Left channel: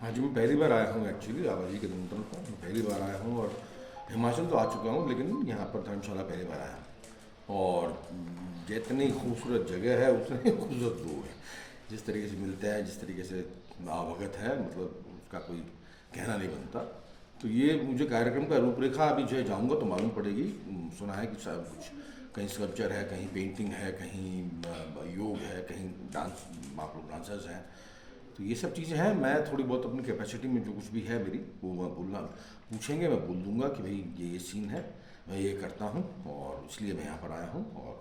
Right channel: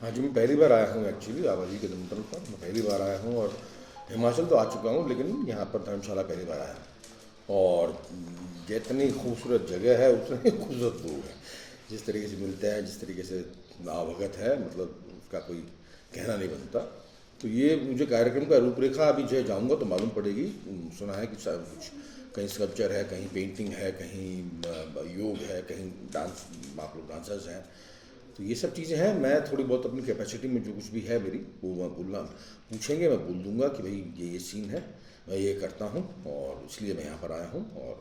हाँ जी, मैं पहली बार आया हूँ एक्चुअली आबादी के निमंत्रण पर। मैं पहली बार आया हूँ और हिमाचल तो आ चुका हूँ, लेकिन यहाँ पर धर्मशाला पहली बार आया हूँ। और जितनी खूबसूरत जगह है उतने ही खूबसूरत लोग हैं। जिस तरीके से मिलते हैं, जिस तरीके से आवभगत है, मतलब उसका कोई कहना नहीं बनता। तो ये मुझे कार्यक्रम का रूपरेखा अभी जो है जाऊँगा तो मालूम पड़ेगी। सुना है कि शायद कुछ कहीं स्कल्पचर है, कहीं पेंटिंग है, कहीं योग है, कहीं डांस, आप लोग डांसर्स हैं। तो ये सब चीज़ें हैं। मैं थोड़ी बहुत अपनी कैपेसिटी में जो कुछ भी है मेरी, वो मैं बोलना पूछेंगे, मैं बोल दूंगा कि भाई ये सीन है, मैं ये करता हूँ और इसलिए मैं यहाँ पर आया हूँ। और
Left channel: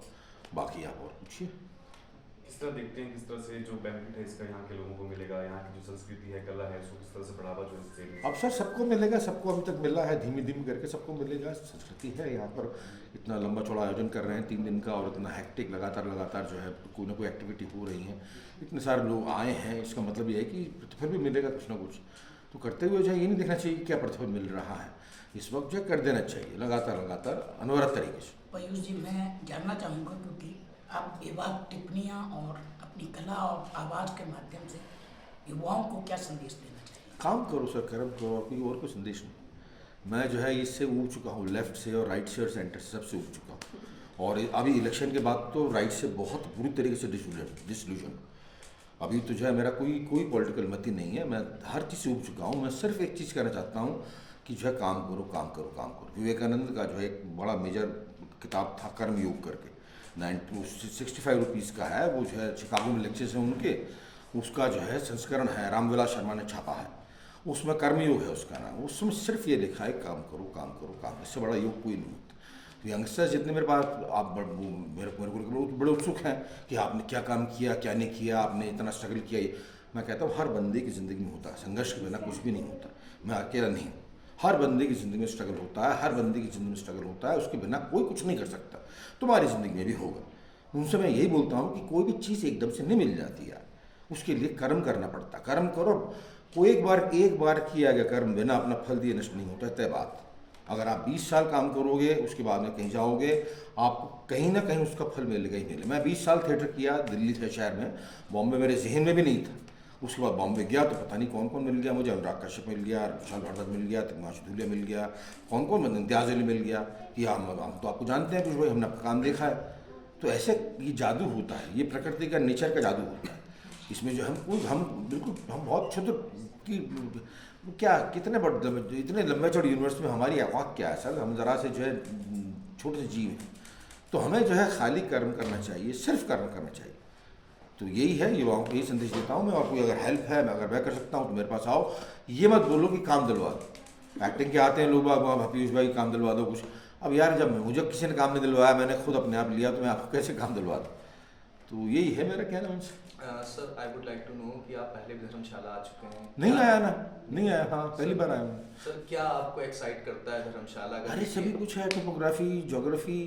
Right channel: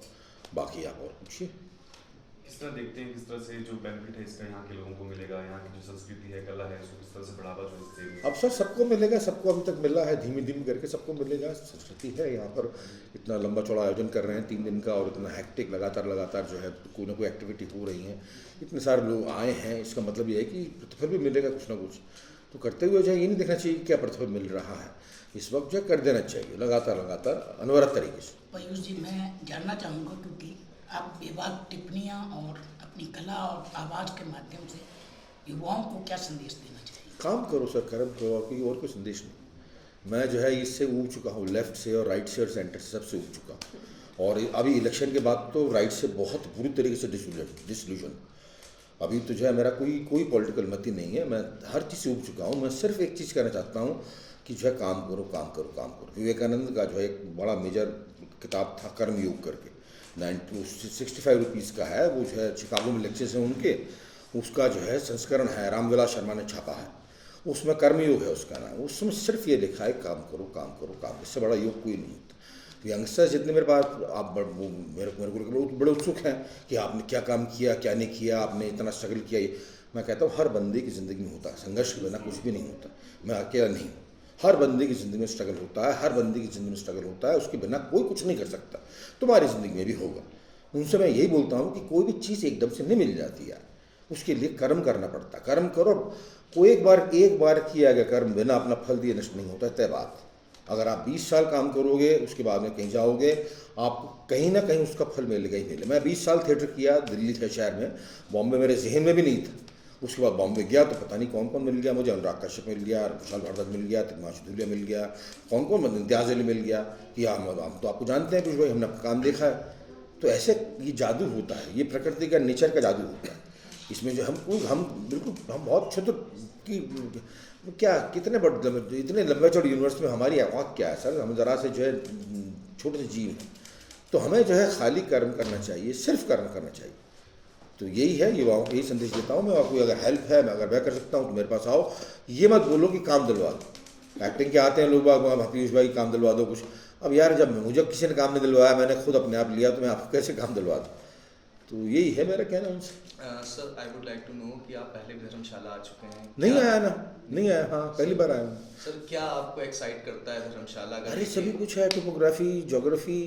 बाकी आप और पूछिए। किस तरह देखते हैं, किस तरह से जो बेनिफिट है इसका यहाँ के लोगों को मिलेगा, यहाँ की जो संस्कृति है, कला है, उसको किस तरह से बढ़ावा जो इससे अब सर सबको मिलेगा, सबको अभी तक मिला है, धीमे धीमे करके सबको मिलेगा। संस्कृति है यहाँ पर। इतना लंबा चौड़ा आयोजन कर रहे हैं 3 दिन का, और इतना हैक्टिक लगातार लगातार जो है कोई ना कोई एक्टिविटी हो रही है। इतने सारे लोग आए हैं, इसका मतलब ये है कि प्रतिफल भी मिलेगा कुछ ना कुछ। तो करते हुए जो है ये नहीं देखना चाहिए कि क्या प्रतिफल मिल रहा है, इस वक्त जो है कर देना चाहिए लगातार लगातार अनवरत तरीके से। पयूष जी, मैं जानना चाहूँगा क्योंकि आप बेबाक टिप्पणियाँ और अपनी कला और आवाज़ के माध्यम से युवाओं को क्या संदेश देना चाहिए? काम करो सर, कर्म करो, और कोई संदेश नहीं। मैं जो है इससे ऊब चुका हूँ, लेफ्ट से और राइट से और सेंटर से, सबसे ऊब चुका हूँ। और अभी इलेक्शन के बाद तो राइट से बहुत बुरी तरीके से डिसल्यूजन। अभी तो जो है मेरा कोई कोई पॉलिटिकल मति नहीं है। मैं हर चीज़ से उब चुका हूँ। मैं सिर्फ एक चीज़ कहना चाहता हूँ कि जो है काम करो, काम करो, काम करो। विवेकानंद का जो है एक बड़ा मेजर किताब था कर्मयोग करके, 65 रुपीज़ का है वो, जो है शिकागो में लेक्चर्स हैं उनके, उसका जो है संस्करण है, रामविलास शर्मा ने छापा है। उसमें कर्मयोग है उसका नाम। उसमें सिर्फ ये लिखा है काम करो, काम करो, काम। इससे बड़ा योग कोई नहीं होता। तो यंगस्टर्स जितने मेरे पास, आप मेरे को बड़े उत्सुक हैं कि आपने क्या काम किया, क्या नहीं किया, आपने इतना स्ट्रगल किया। ये मैं कहता हूँ हर बंदे की ज़िंदगी में होता है, संघर्ष के बिना कुछ भी नहीं होता। मैं अकेला नहीं हूँ। हर बंदे की ज़िंदगी में स्ट्रगल होता है, हर बंदे की ज़िंदगी में स्ट्रगल होता है। उसके बिना कोई कुछ नहीं कर सकता। तुम्हारी ज़िंदगी में भी होगा। उनसे मैं यही बोलता हूँ कि कोई भी चीज़ एकदम से नहीं मिल जाती यार, उसके लिए कर्म करना पड़ता है। कर्म करो। कोई एक बार किया गया कर्म बिना अपना फल दिए नष्ट नहीं होता, तय बात। अगर आप 20 साल काम करोगे, उसके बाद में कहीं जाओगे, आपको कहीं ना कहीं उसका फल मिलेगा ही मिलेगा। मैं 20 साल थिएटर किया दिल्ली थे शहर में, बॉम्बे मेरे जहन में भी नहीं था। उसके बाद बॉम्बे गया तो पता नहीं कौन कौन मिल गया मुझे। अनुराग कश्यप मिल गया, विशाल भारद्वाज मिल गया, तिग्मांशु धूलिया मिल गया, कौन कौन इम्तियाज़ अली मिल गया कि हम तो आपको जानते हैं कुछ भाई, हमने आपका काम देखा है। तो ऐसे ये जादू होता है, ये प्रकृति का नेचर का जादू होता है। इसमें जो हम बिल्कुल हम बहुत क्षुद्र कि क्या कितने बड़े इतने लंबे चौड़े यूनिवर्स में हमारी औकात क्या है सर। हम ज़रा से जो है छोटे से जीव हैं। तो हमें जो है खाली कर्म करना चाहिए, सिर्फ कर्म करना चाहिए। तो यही है, युवाओं को यही संदेश देता हूँ मैं। आपको अगर हेल्प है, मैं अगर मैं कर सकता हूँ तो मेरे पास आओ। ये मत बोलो कि काम दिलवा दो। एक्टिंग के आते हैं लोग, वहाँ पीयूष भाई काम दिलवा दो कुछ। अब यार जब मुझे किसी ने काम नहीं दिलवाया, मैंने खुद अपने आप लिया, तो मैं आपको कैसे काम दिलवा दूँ। तो यही है मेरा कहना उनसे। Sir, I would like to know कि आप पहले भी धर्मशाला आ चुके हैं। नहीं आया ना, नहीं आया। हाँ, पहली बार आया हूँ। सर, क्या आपको एक्साइट करता है धर्मशाला का? अरे सभी कुछ है, टोपोग्राफी, ज्योग्राफी,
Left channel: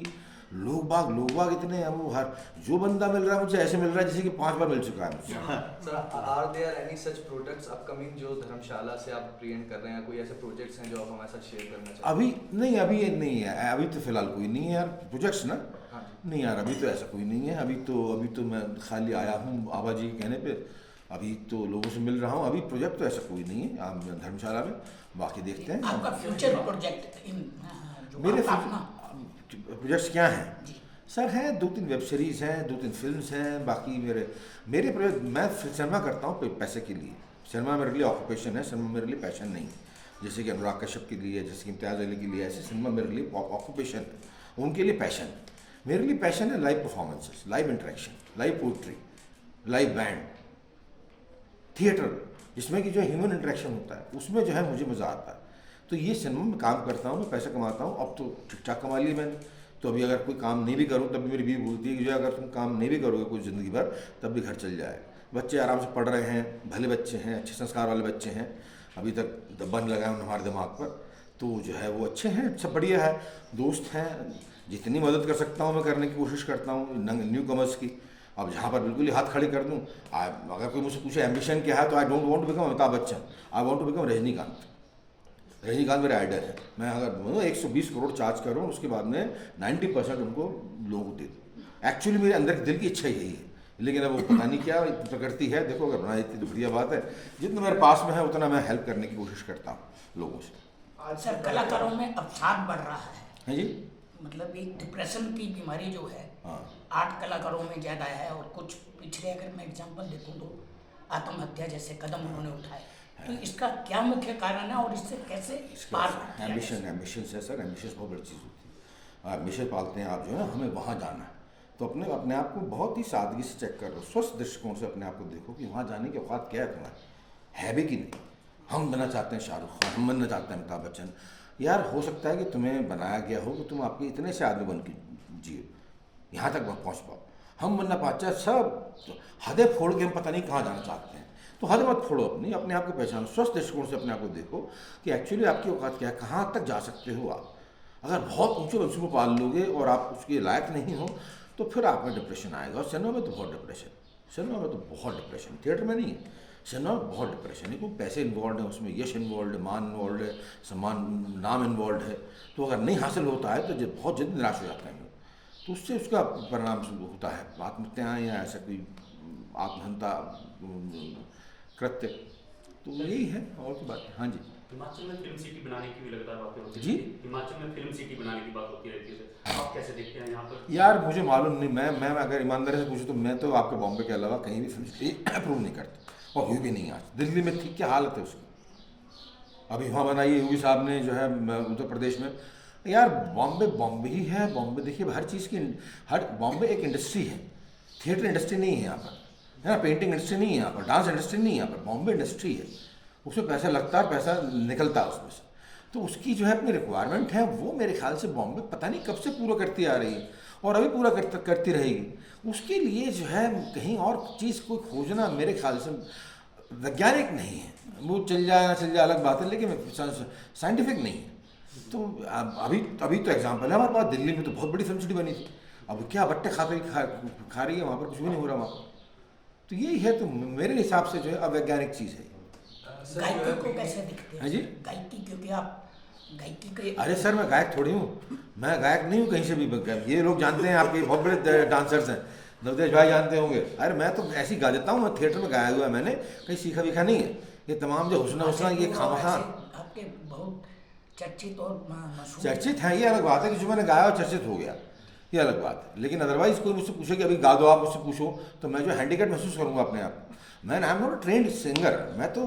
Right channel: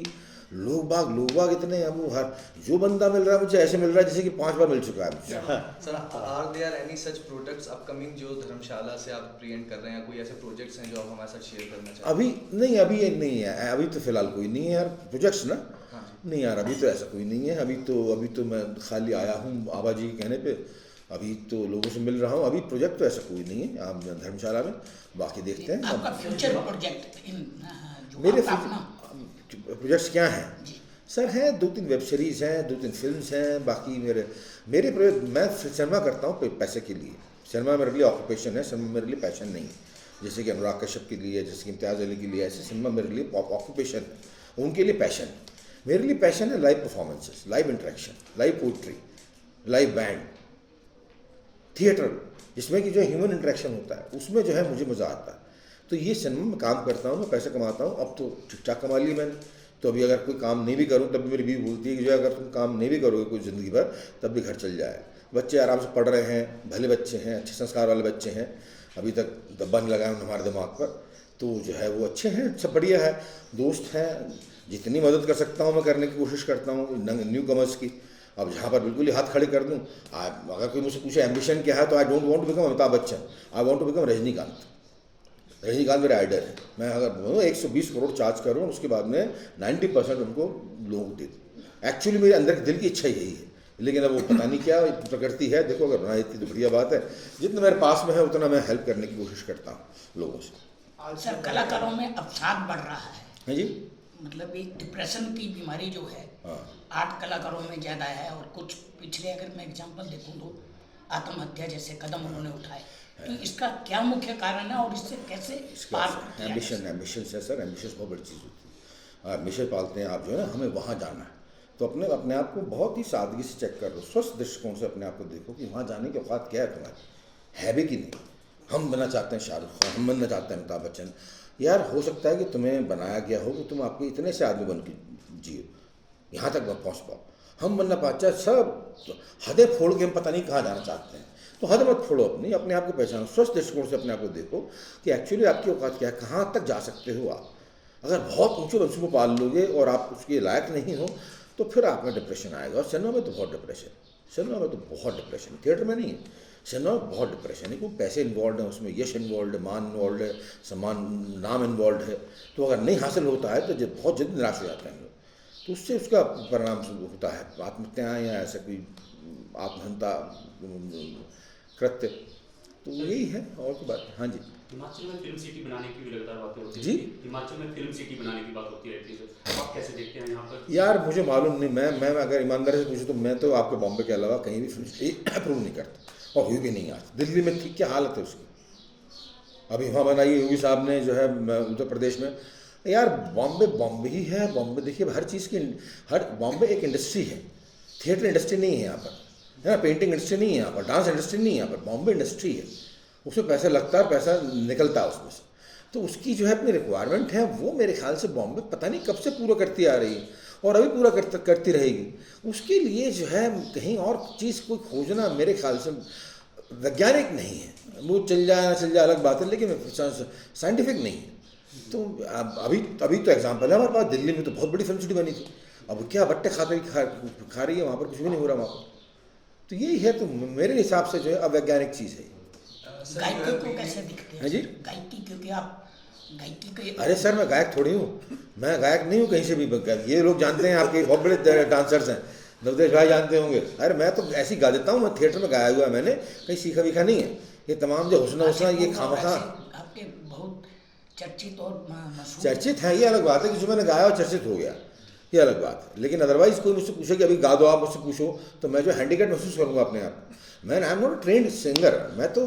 लोग बाग इतने हैं। वो हर जो बंदा मिल रहा है मुझे ऐसे मिल रहा है जैसे कि 5 बार मिल चुका है मुझसे। Sir, are there any such projects upcoming जो धर्मशाला से आप प्रेजेंट कर रहे हैं? कोई ऐसे प्रोजेक्ट्स हैं जो आप हमारे साथ शेयर करना चाहते हैं? अभी नहीं, अभी ये नहीं है। अभी तो फिलहाल कोई नहीं है यार, प्रोजेक्ट्स ना। हाँ जी। नहीं यार, अभी तो ऐसा कोई नहीं है। अभी तो मैं खाली आया हूँ आबा जी के कहने पे। अभी तो लोगों से मिल रहा हूँ। अभी प्रोजेक्ट तो ऐसा कोई नहीं है आप धर्मशाला में। बाकी देखते हैं। आपका फ्यूचर प्रोजेक्ट इन जो मेरे आपका अपना प्रोजेक्ट्स क्या हैं जी सर? हैं 2-3 वेब सीरीज़ हैं, 2-3 फिल्म्स हैं। बाकी मेरे प्रोजेक्ट, मैं सिनेमा करता हूँ पैसे के लिए। सिनेमा मेरे लिए ऑक्यूपेशन है, सिनेमा मेरे लिए पैशन नहीं है। जैसे कि अनुराग कश्यप के लिए, जैसे कि इम्तियाज़ अली के लिए, ऐसे सिनेमा मेरे लिए ऑक्यूपेशन, उनके लिए पैशन। मेरे लिए पैशन है live performances, live interaction, live poetry, live band, theatre, जिसमें कि जो ह्यूमन इंटरेक्शन होता है, उसमें जो है मुझे मज़ा आता है। तो ये सिनेमा में काम करता हूँ, मैं पैसा कमाता हूँ। अब तो ठीक ठाक कमा ली मैंने। तो अभी अगर कोई काम नहीं भी करूँ, तब भी मेरी बीवी बोलती है कि जो अगर तुम काम नहीं भी करोगे कोई ज़िंदगी भर, तब भी घर चल जाएगा। बच्चे आराम से पढ़ रहे हैं, भले बच्चे हैं, अच्छे संस्कार वाले बच्चे हैं। अभी तक दब्बा नहीं लगाया हमारे दिमाग पर। तो जो है वो अच्छे हैं, सब बढ़िया है। दोस्त हैं, जितनी मदद कर सकता हूँ मैं करने की कोशिश करता हूँ न्यू कमर्स की। अब जहाँ पर बिल्कुल ही हाथ खड़े कर दूँ, अगर कोई मुझसे पूछे एम्बिशन क्या है, तो I don't want to become Amitabh Bachchan, I want to become Rajinikanth. Rajinikanth मेरा आइडल है। मैं अगर 120 करोड़ चार्ज करूँ, उसके बाद में 90% उनको लोगों को दे दूँ। एक्चुअली मेरे अंदर के दिल की इच्छा यही है लेकिन अब वो पता नहीं क्या प्रकृति है। देखो अगर बना देती तो बढ़िया बात है, जितना मेरे पास में है उतना मैं हेल्प करने की कोशिश करता हूँ लोगों से। सर कलाकारों में अवसाद बढ़ रहा है, जी मतलब एक डिप्रेशन की बीमारी जो है हाँ। आर्ट कलाकारों में ज़्यादा है, और कुछ पिछले अगर मैं एग्जांपल देखूं तो आत्महत्या जैसे कदम उन्होंने उठाए, तो इसका क्या मुख्य कारण है और इससे कैसे पार किया जा सकता है? एम्बिशन है सर, एम्बिशन बहुत बड़ी चीज़ होती है। एम्बिशन पालते हैं आप जो है ना, हमें वहाँ जाना है तो अपने अपने आप को बहुत ही सादगी से चेक कर लो, स्वस्थ दृष्टिकोण से अपने आप को देखो कि वहाँ जाने की औकात क्या है तुम्हारी, है भी कि नहीं। हम बनना चाहते हैं शाहरुख खान, हम बनना चाहते हैं अमिताभ बच्चन, यार हो सकता है कि तुम्हें बनाया गया हो कि तुम आपके इतने से आदमी बन के जियो, यहाँ तक पहुँच पाओ। हम बनना पाते हैं सब हदें फोड़ के हम पता नहीं कहाँ जाना चाहते हैं, तो हद मत फोड़ो अपनी, अपने आप को पहचानो, स्वस्थ दृष्टिकोण से अपने आप को देखो कि एक्चुअली आपकी औकात क्या है, कहाँ तक जा सकते हो आप। अगर बहुत ऊँचे लक्ष्य को पाल लोगे और आप उसके लायक नहीं हो तो फिर आप में डिप्रेशन आएगा। और सिनेमा में तो बहुत डिप्रेशन, सिनेमा में तो बहुत डिप्रेशन, थिएटर में नहीं है, सिनेमा में बहुत डिप्रेशन है, क्योंकि पैसे इन्वॉल्व हैं उसमें, यश इन्वॉल्व है, मान इन्वॉल्व है, सम्मान नाम इन्वॉल्व है। तो अगर नहीं हासिल होता है तो बहुत जल्दी निराश हो जाते हैं लोग, तो उससे उसका परिणाम होता है आत्महत्या या ऐसा कोई आत्महत्या कृत्य। तो यही है और की बात है। हाँ जी। हिमाचल में फिल्म सिटी बनाने की भी लगातार बातें होती जी? हैं। हिमाचल में फिल्म सिटी बनाने की बात होती रहती है सर, आप कैसे देखते हैं यहाँ पर? यार मुझे मालूम नहीं, मैं अगर ईमानदारी से पूछूं तो मैं तो आपके बॉम्बे के अलावा कहीं भी फिल्म सिटी अप्रूव नहीं करता, और हुई भी नहीं आज। दिल्ली में थी क्या हालत है उसकी, अभी वहाँ बनाई योगी साहब ने जो है उत्तर प्रदेश में। यार बॉम्बे ही है। बॉम्बे देखिए हर चीज़ की, हर बॉम्बे एक इंडस्ट्री है, थिएटर इंडस्ट्री नहीं है यहाँ पर, है ना, पेंटिंग इंडस्ट्री नहीं है यहाँ पर, डांस इंडस्ट्री नहीं है यहाँ पर, बॉम्बे इंडस्ट्री है। उसमें पैसा लगता है और पैसा निकलता है उसमें से, तो उसकी जो है अपनी रिक्वायरमेंट है, वो मेरे ख्याल से बॉम्बे पता नहीं कब से पूरा करती आ रही है और अभी पूरा करती रहेगी। उसके लिए जो है कहीं और चीज़ कोई खोजना मेरे ख्याल से वैज्ञानिक नहीं है। वो चल जाए ना चल जाए अलग बात है, लेकिन साइंटिफिक नहीं है। तो अभी तो एग्जाम्पल है हमारे पास, दिल्ली में तो बहुत बड़ी फिल्म सिटी बनी थी, अब क्या बट्टे खा रही है वहाँ पर, कुछ भी नहीं हो रहा वहाँ पर। तो यही है, तो मेरे हिसाब से जो है अवैज्ञानिक चीज़ है। गायकी को कैसे दिखते हैं? हाँ जी? गायकी, क्योंकि आप गायकी के अरे सर मैं गायक थोड़ी हूँ, मैं गायक नहीं हूँ कहीं से भी। ये लोग जानते हैं, आपके बहुत बड़े डांसर्स हैं, नवदेश भाई जानते होंगे। अरे मैं तो ऐसे ही गा देता हूँ, मैं थिएटर में गाया हुआ है, मैंने कहीं सीखा वीखा नहीं है। ये तमाम जो हुस्ना ये खामखा आपके बहुत चर्चित और मशहूर चर्चित हैं, ये अलग बात है कि जो मैंने गाया और चर्चित हो गया, ये अलग बात है। लेकिन अदरवाइज कोई मुझसे पूछे कि अभी गा दो, आप मुझसे पूछो तो मैं जो हैंडीकैप महसूस करूँगा अपने आप। मैं I am not trend singer,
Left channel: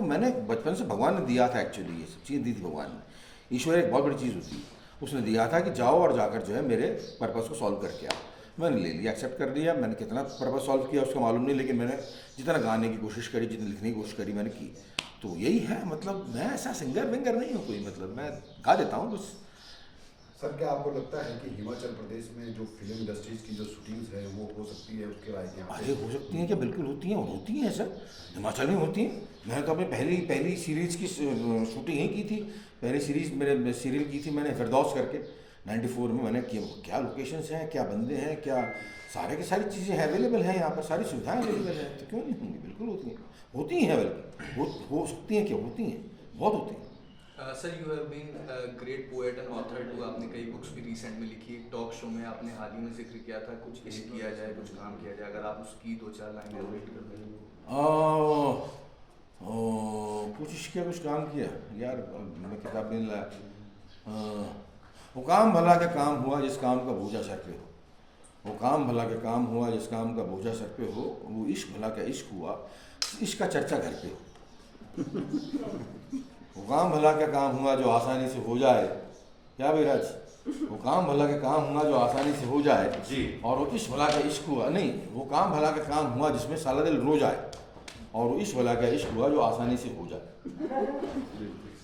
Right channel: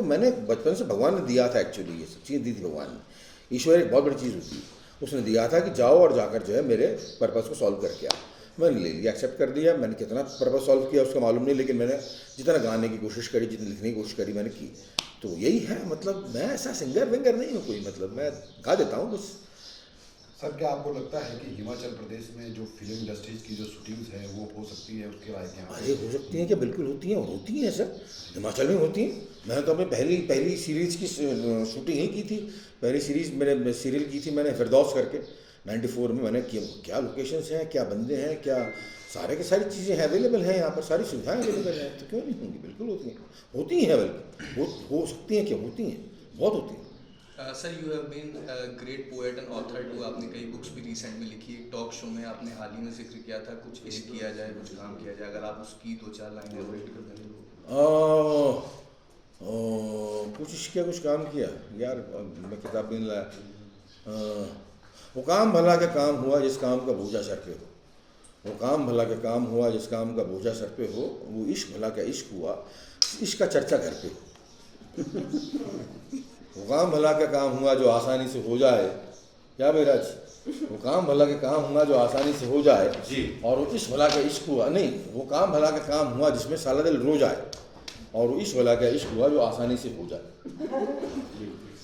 मैंने बचपन से भगवान ने दिया था, एक्चुअली ये सब चीज़ दी थी भगवान ने। ईश्वर एक बहुत बड़ी चीज़ होती है, उसने दिया था कि जाओ और जाकर जो है मेरे पर्पज़ को सॉल्व करके आओ। मैंने ले लिया, एक्सेप्ट कर दिया। मैंने कितना पर्पज़ सॉल्व किया उसका मालूम नहीं, लेकिन मैंने जितना गाने की कोशिश करी, जितनी लिखने की कोशिश करी मैंने की। तो यही है, मतलब मैं ऐसा सिंगर विंगर नहीं हूँ कोई, मतलब मैं गा देता हूँ बस। सर क्या आपको लगता है कि हिमाचल प्रदेश में जो फिल्म इंडस्ट्रीज की जो शूटिंग्स है वो हो सकती है, उसके राय क्या? अरे हो सकती हैं, क्या बिल्कुल होती हैं सर, हिमाचल में होती हैं। मैंने तो अपनी पहली सीरीज़ की शूटिंग ही की थी। पहली सीरीज़ मेरे सीरियल की थी मैंने फिरदौस करके 94 में। मैंने क्या लोकेशंस हैं, क्या बंदे हैं, क्या सारे की सारी चीज़ें हैं, अवेलेबल हैं यहाँ पर, सारी सुविधाएं अवेलेबल हैं, तो क्यों नहीं होंगी, बिल्कुल होती हैं बल्कि हो सकती हैं, क्या होती हैं, बहुत होती हैं। Sir you have been great poet and author too, आपने कई बुक्स भी रिसेंट में लिखी। टॉक शो में आपने हाल ही में जिक्र किया था कुछ इश्क किया जाए, कुछ काम किया जाए, अगर आप उसकी 2-4 लाइन एलैबोरेट कर दें। कुछ इश्क किया, कुछ काम किया यार, मैं किताब भी नहीं लाया। वो काम भला का काम हुआ जिस काम का बोझा सर पे हो, वो काम भला का काम हुआ जिस काम का बोझा सर पे हो, वो इश्क भला का इश्क हुआ इश्क का चर्चा घर पे हो। वो काम भला का काम हुआ जो आसानी से हो जाए, क्या बेराज, वो काम भला का काम हुआ जो आसानी से हो जाए जी। और वो इश्क भला का इश्क हुआ, नहीं, वो काम भला का काम हुआ जिसमें साला दिल रो जाए, और वो इश्क भला का इश्क हुआ जो आसानी से हो जाए।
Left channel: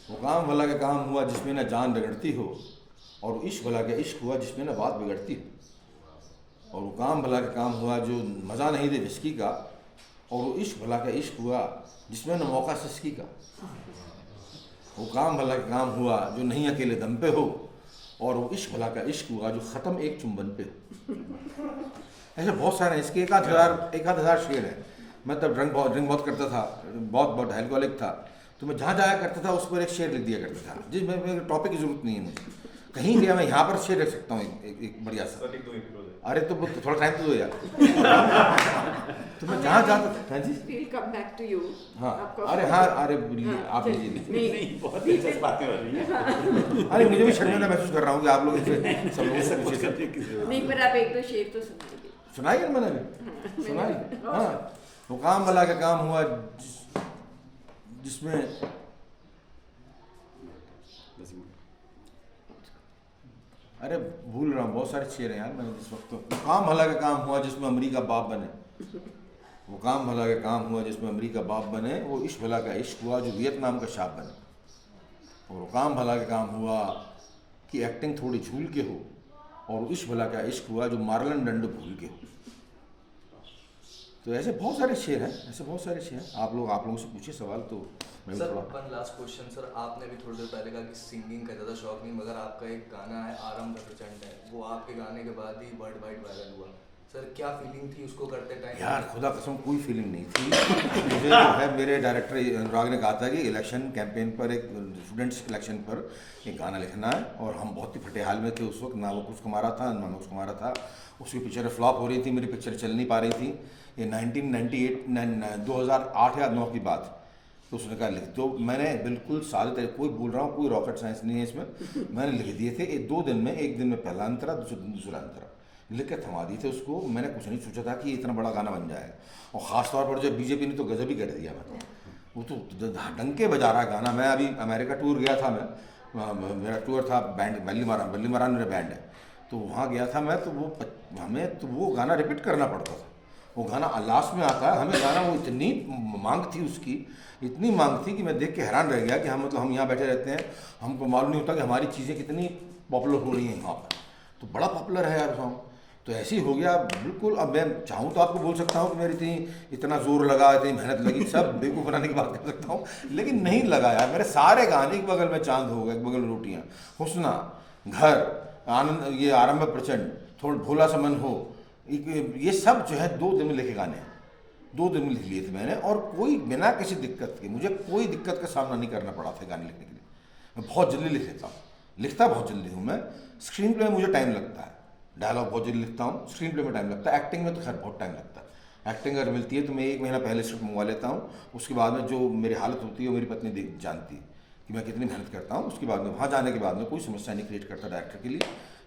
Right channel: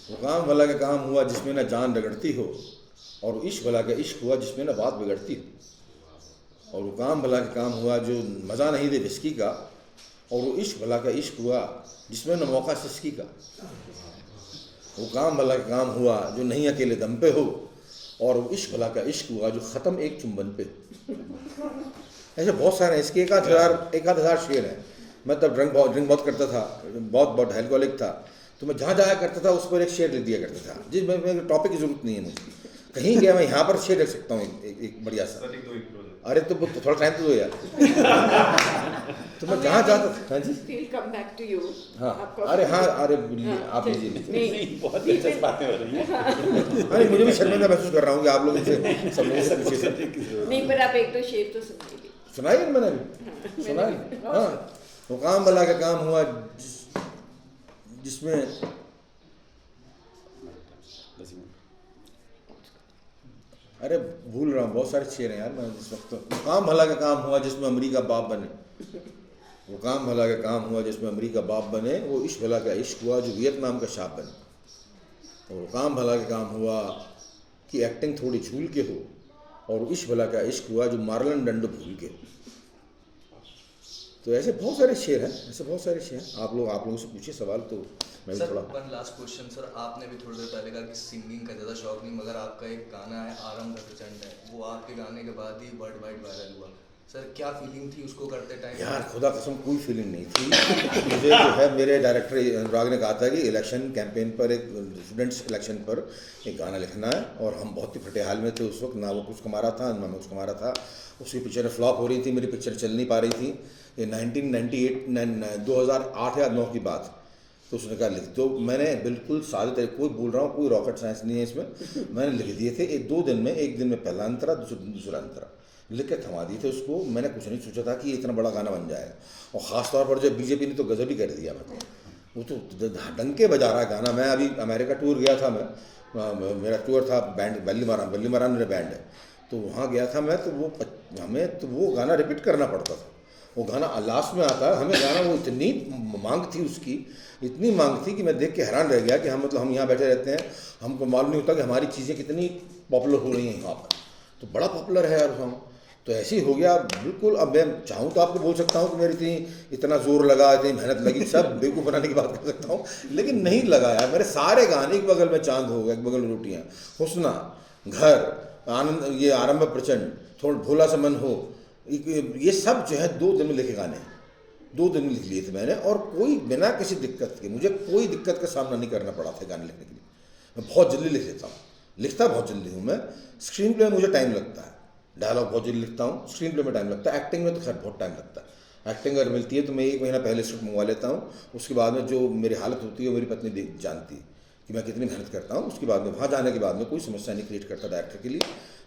वो काम भला का काम हुआ जिसमें न जान रगड़ती हो, और वो इश्क भला का इश्क हुआ जिसमें न बात बिगड़ती हो। और वो काम भला का काम हुआ जो मज़ा नहीं दे विस्की का, और वो इश्क भला का इश्क हुआ जिसमें न मौका सिसकी का। वो काम भला का काम हुआ जो नहीं अकेले दम पे हो, और वो इश्क भला का इश्क हुआ जो ख़त्म एक चुंबन पे हो। ऐसे बहुत सारे हैं, इसके एक आध हज़ार शेर हैं। मैं तब ड्रिंक बहुत करता था, बहुत अल्कोहलिक था, तो मैं जहाँ जाया करता था उस पर एक शेर लिख दिया करता था, जिसमें टॉपिक की ज़रूरत नहीं है मुझे। कहीं गया मैं यहाँ पर शेर लिख सकता हूँ एक बढ़िया सा। सर लिख दो एक प्रोजेक्ट। अरे तो थोड़ा टाइम तो दो यार। तो मैं जहाँ जाता था, हाँ जी, We'll come back to you. हाँ, आपका- अरे हाँ, अरे हाँ, आप चल- लीजिए। नहीं बहुत दिलचस्प बातें हो रही हैं। अरे मुझे भी शर्मिंदा महसूस कर रहा हूँ कि आप लोग मुझे सब लोगों से पूछे सब नहीं, पर आप एक दो शेर तो सुनाइए। सुनाई है मैंने अभी सुनाई, हाँ, वो काम भला का काम हुआ जिसमें अरे भूल रहा हूँ, बहुत सारे शेर हैं यार मैं इस वक्त। वो काम भला का काम हुआ जिसमें अमरीका बाप बने, वो काम भला का काम हुआ जिसमें अमरीका बाप बने, वो इश्क भला का इश्क हुआ जो वियतनाम का शाप बने। और वो काम भला का काम हुआ कि एक्टिंग थोड़ी झूल के हो, और इश्क भला का इश्क हुआ जो मार्लन डंडो भूल के हो। तो ऐसे बहुत सारे शेर हैं, ऐसे बहुत सारे शेर हैं। आप लोगों से पूछिए सवाल तो मैं भी सर थोड़ा। वन लास्ट क्वेश्चन सर, आपने भी थोड़ी देर पहले कहा कि सिंगिंग का ज़्यादा शौक नहीं, मगर आपका एक गाना है आरंभ प्रचंड है, वो आपके गाने के बाद ही वर्ल्ड वाइड वायरल हुआ। सर क्या फीलिंग थी उसको करते टाइम? यार खुदा कसम कोई फीलिंग नहीं थी। मुझे जो है मेरे डायरेक्टर अनुराग ने कहा था कि इलेक्शन कैंपेन पर, एक स्टूडेंट्स इलेक्शन पर एक गाना लिखना है, और हम बहुत ही फटे हाल में थे उस वक्त, ना वो कुछ कमा रहा था ना मैं कुछ कमा रहा था। उसकी पिक्चर फ्लॉप हो रही थी, मेरी पिक्चर चल नहीं पा रही थी। ये 2008 या 9 की बात। तो उसने कहा लिख दो। मैंने बिल्कुल सादे तरीके, कोई बोल रहा हूँ, कोई रॉकेट साइंस नहीं है इसमें, मैंने लिख दिए थे। एक 2 दिन में, एक दिन में पहला अंतरा, दूसरा अंतरा लिख के थमा दिए थे उसको। मैंने कुछ नहीं सोचा था कि ये इतना बड़ा गाना बन जाएगा, और ख़ास तौर पर जब बीजेपी ने तो गजब ही कर दिया। मतलब वो तो डंके बजा रहा गाना। मैं अभी अमेरिका टूर गया था, मैं मेरा टूर था बैंड वल्लीमारान मेरा बैंड है, तो वहाँ गया था मैं। तो वो हमें तो वो गाना रिपीट करना पड़ता था। वो गाना लास्ट में आता है, हमें गाना, वो इतनी मांग थी उसकी, इतनी मांग थी कि मैं देख के हैरान रह गया कि हम यहाँ बैठे रहते हैं, हमको मालूम नहीं होता कि हमारी चीज़ें कितनी पॉपुलर हो रही हैं यहाँ पर। तो बड़ा पॉपुलर है यार गाँव। तो ऐसे ही हो गया बिल्कुल। अब मैं चाहूँ तो आपको बोल सकता हूँ कि मेरी इतना जोर लगा, इतनी मेहनत लगी, सब बेवकूफ़ बनाने की बात कर सकता हूँ, लेकिन नहीं लगा यार। मेरे सारे गाने, एक बगल में चांद होगा, एक बगल में रोटियाँ, हुस्ना, घर, आनंद, ये आरंभ प्रचंड, थोड़ा भोला सा मन हो, ये सब जो है 2 दिन में लिखे गाने हैं। 2 दिन में लिख लिए थे मैंने, और कोई बिना किसी दिक्कत के, मुझे कोई दिक्कत का सामना नहीं करना पड़ा था गाने लिखने के लिए। मैं बहुत जल्दी लिख लेता हूँ, लिखता बहुत जल्दी हूँ मैं। स्क्रीन प्ले में मुझे टाइम लगता है, डायलॉग बहुत जल्दी लिखता हूँ, स्क्रीन प्ले में टाइम लगता है। एक्टिंग में तो खैर बहुत टाइम लगता है। एक्टिंग अगर मिलती है तो मैं 1 महीना पहले स्क्रिप्ट मंगवा लेता हूँ। उसके बाद में जो मेरी हालत होती है वो मेरी पत्नी जानती है कि मैं कितनी मेहनत करता हूँ। उसके बाद में वहाँ जाने के बाद में कोई समस्या नहीं क्रिएट करता डायरेक्टर के लिए,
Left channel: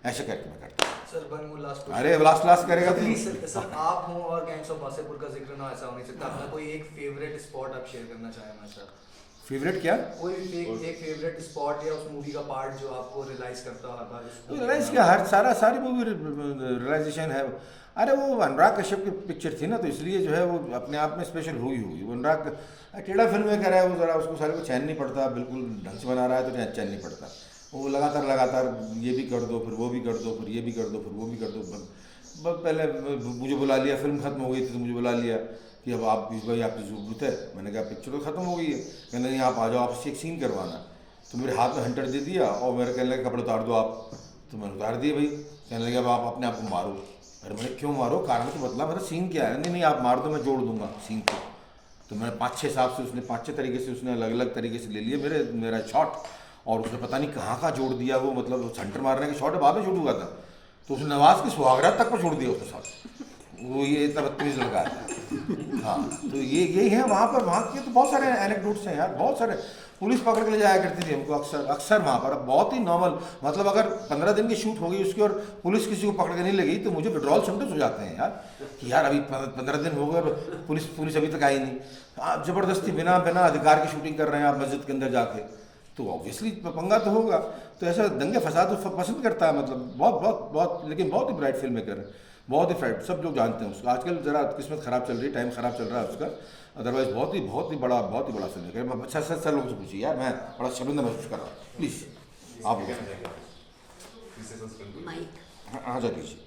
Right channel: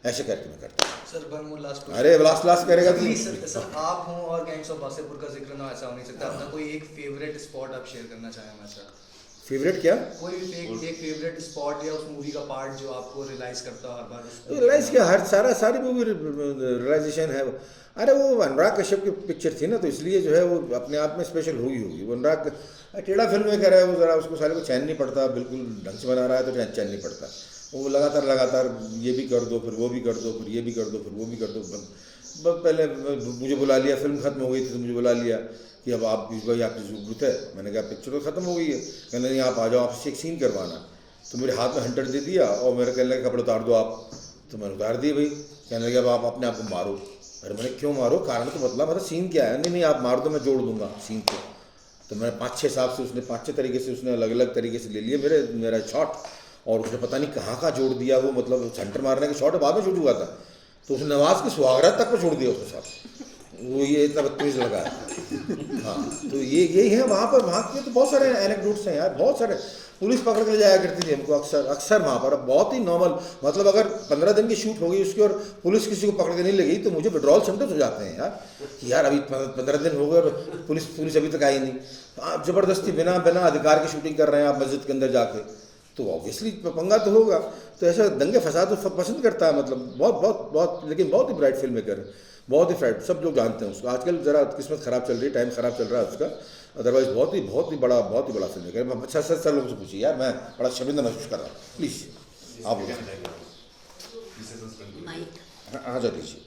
ऐसे करके मैं करता हूँ। Sir one more last question. अरे लास्ट करेगा तो सर आप हों और गैंग्स ऑफ वासेपुर का जिक्र ना ऐसा हो नहीं सकता। अपना कोई एक फेवरेट स्पॉट आप शेयर करना चाहें हमारे साथ? फेवरेट क्या? कोई एक फेवरेट स्पॉट या उस मूवी का पार्ट जो आपको रियलाइज करता हो हर बार? रियलाइज क्या, सारी मूवी रियलाइजेशन है। अरे वो अनुराग कश्यप की पिक्चर थी ना, तो इसलिए जो है वो अपने आप में स्पेशल होगी। वो अनुराग टेढ़ा फिल्म में कह रहा है, वो ज़रा उसको सारे को चैन नहीं पड़ता, बिल्कुल ढंग से बना रहा है तो चैन नहीं पड़ता। वो लगातार ये भी कर दो, फिर वो भी कर दो, फिर ये भी कर दो, फिर वो भी कर दो। पहले मुझे बुला लिया, फिल्म खत्म हो गई थी तो मुझे बुला लिया कि अब आप भाई आपकी ज़रूरत है। मैंने कहा पिक्चर तो ख़त्म हो गई है। कहने नहीं आप आ जाओ, आपसे एक सीन करवाना। तो मेरे हाथ में हंटर दे दिया और मेरे कहने लगे कपड़े उतार दो आप। तो मैंने उतार दिए भाई। कहने लगे अब आप अपने आप को मारो। अरे मैंने क्यों मारो, कारण तो बतला, मेरा सीन क्या है? नहीं आप मार दो, मैं जोड़ दूंगा सीन को। तो मैंने 5-6 हिसाब से उसने 5-6 तरीके से उसने अलग तरीके से ले लिए मेरा शॉट, और उसने पता नहीं कहाँ जोड़ दिया वो। मतलब सेंटर मारने के शॉट बाद में शूट हुआ था, तो उसने नवाज के सुहागरात तक पर छोड़ दिया उसके साथ। वो ये इतना बदतमीज लगा है। हाँ तो यही है वहाँ पर। वहाँ के तो बहुत सारे एनेक्डोट्स हैं यार, बहुत सारे। पुलिस पकड़ के जाया करती थी हमको अक्सर वहाँ पर। अब बहुत ही नॉर्मल, मतलब अगर 15 दिन की शूट हो गई उसकी और पुलिस किसी को पकड़ के नहीं लगी तो मुझे विड्रॉल सिम्टम्स हो जाते हैं यार कि यार अभी 15 दिन हो गए और पुलिस अभी तक आई नहीं। ज़बरदस्ती बिना अधिकार की शूटिंग कर रहे हैं आप मस्जिद के अंदर जाके, तो ऑब्वियसली पंगा तो होगा। तो ऐसे दंगे फसाद तो पसंद करता है, मतलब बहुत लेकिन बहुत ही ब्राइट फिल्म मेकर है, बहुत ही फ्राइट, सब लोग जानते हैं उसको। आजकल ज़रा किस्मत ख़राब चल रही है, टाइम ख़राब चल रहा है उसका। अदरवाइज बहुत ही बड़ा फिल्म मेकर। अच्छा लोगों से पूछिए यार, मैं बड़ा शर्मिंदा महसूस कर रहा हूँ। प्लीज़ आप बोलिए। माइक हाँ जा दीजिए।